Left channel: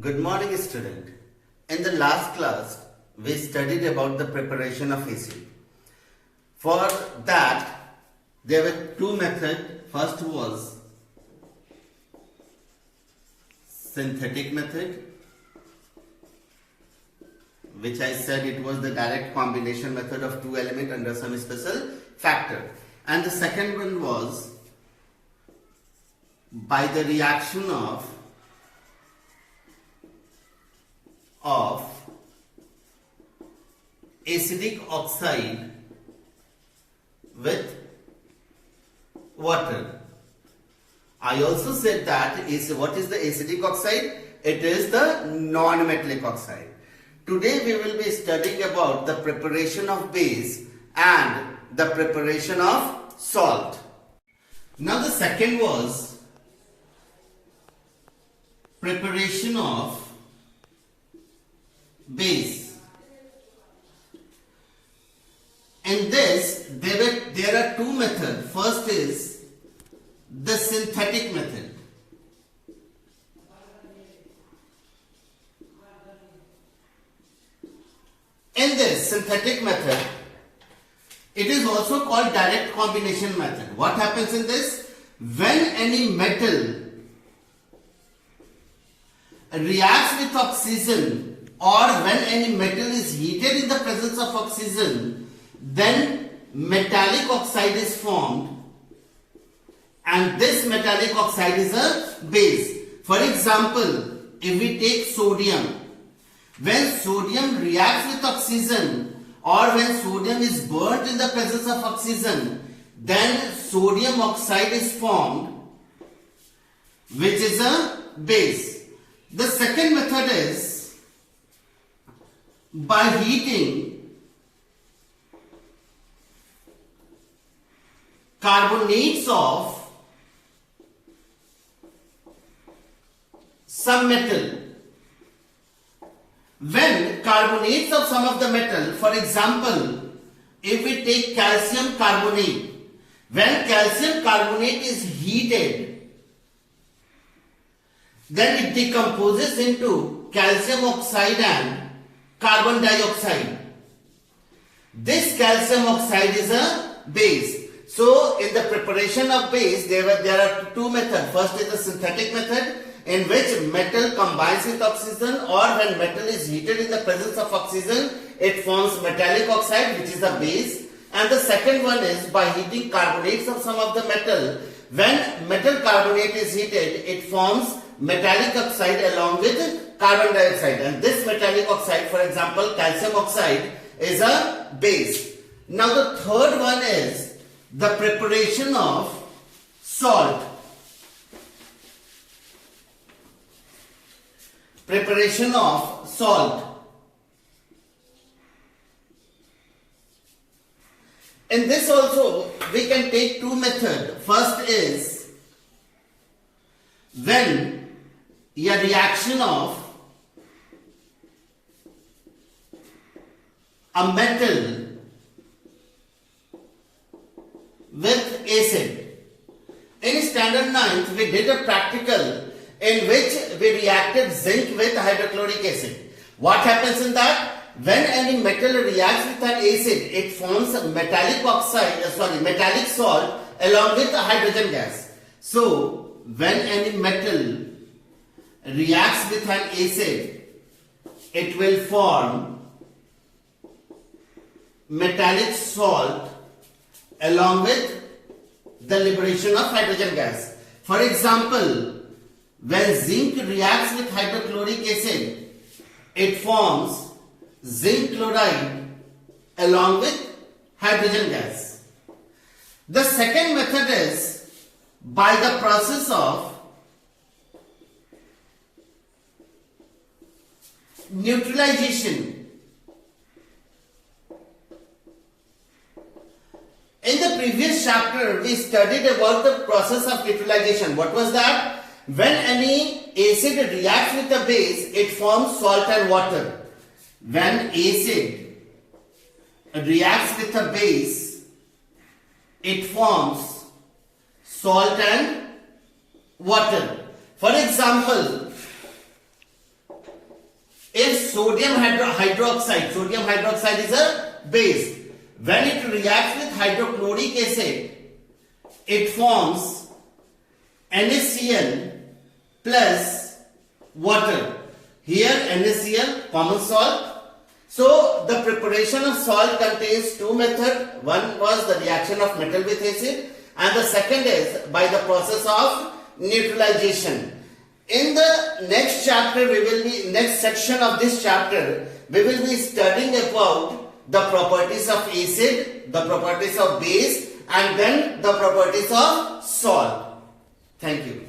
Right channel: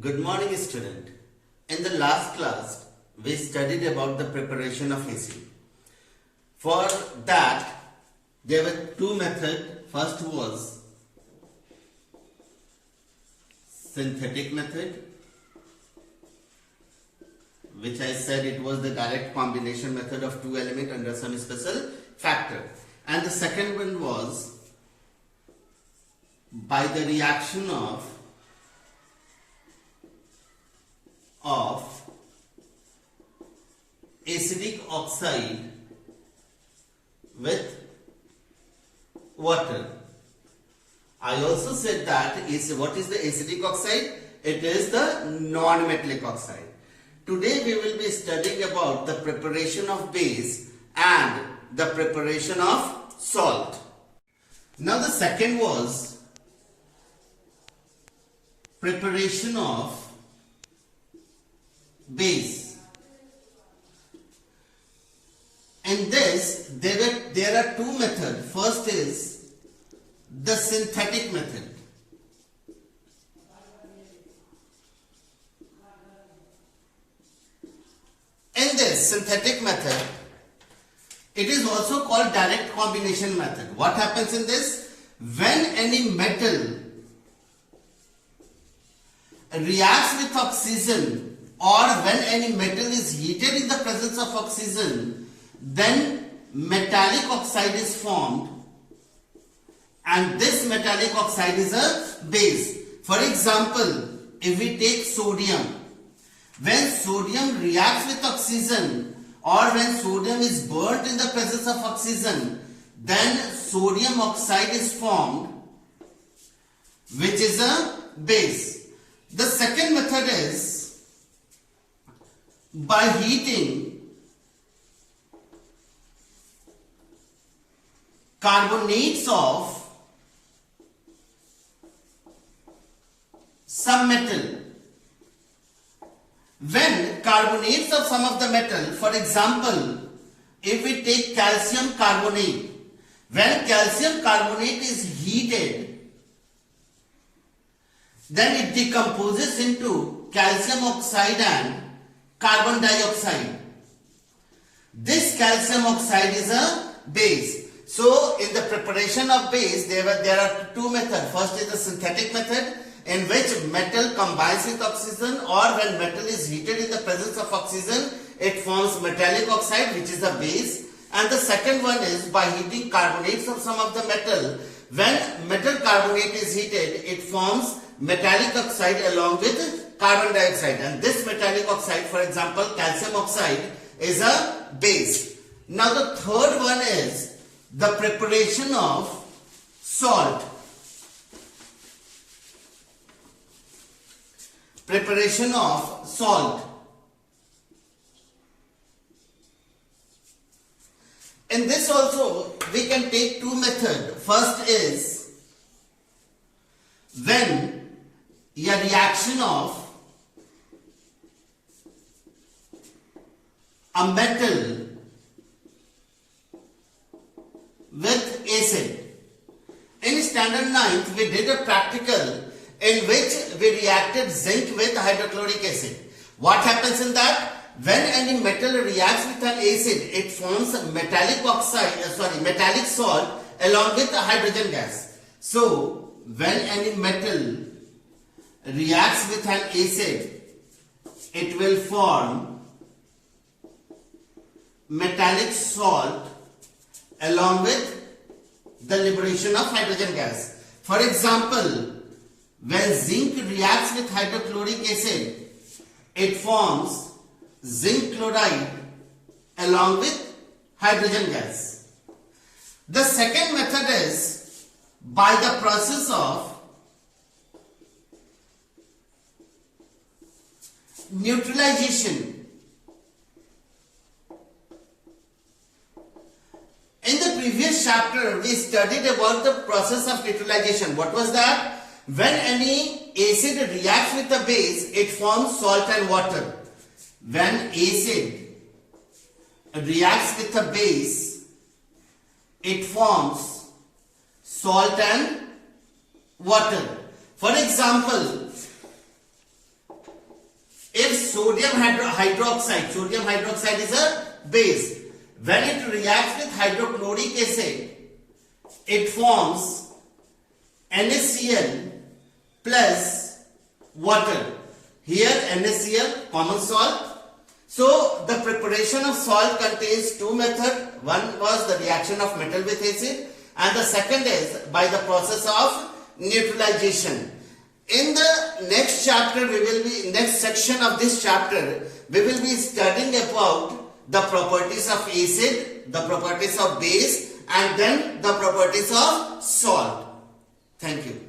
Good morning, student. In the last class, we studied about the preparation of acid. For that, there were two methods. First was synthetic method, which I said it was the direct combination method of two elements under some special factor. And the second one was by the reaction of acidic oxide with water. I also said that what is the acidic oxide? It is the non-metallic oxide. Today we will be studying about the preparation of base and the preparation of salt. Now the second was preparation of base. In this, there are two methods. First is the synthetic method. In this synthetic method, it is also called direct combination method. What happens in this? When any metal reacts with oxygen, or when any metal is heated in the presence of oxygen, then metallic oxide is formed, and this metallic oxide is a base. For example, if we take sodium, when sodium reacts with oxygen or when sodium is burnt in the presence of oxygen, then sodium oxide is formed, which is a base. The second method is by heating carbonates of some metal. When carbonates of some of the metal, for example, if we take calcium carbonate, when calcium carbonate is heated, then it decomposes into calcium oxide and carbon dioxide. This calcium oxide is a base. So, in the preparation of base, there are two methods. First is the synthetic method, in which metal combines with oxygen, or when metal is heated in the presence of oxygen, it forms metallic oxide, which is a base. And the second one is by heating carbonates of some of the metal. When metal carbonate is heated, it forms metallic oxide along with carbon dioxide. And this metallic oxide, for example, calcium oxide, is a base. Now the third one is the preparation of salt. Preparation of salt. In this also we can take two methods. First is when a reaction of a metal with acid. In standard 9th, we did a practical in which we reacted zinc with hydrochloric acid. What happens in that? When any metal reacts with an acid, it forms metallic salt along with hydrogen gas. So, when any metal reacts with an acid, it will form metallic salt along with the liberation of hydrogen gas. For example, when zinc reacts with hydrochloric acid, it forms zinc chloride along with hydrogen gas. The second method is by the process of neutralization. In the previous chapter, we studied about the process of neutralization. What was that? When any acid reacts with a base, it forms salt and water. When acid reacts with a base, it forms salt and water. For example, sodium hydroxide. Sodium hydroxide is a base. When it reacts with hydrochloric acid, it forms NaCl plus water. Here NaCl, common salt. So the preparation of salt contains two methods. One was the reaction of metal with acid, and the second is by the process of neutralization. In the next chapter, next section of this chapter, we will be studying about the properties of acid, the properties of base, and then the properties of salt. Thank you.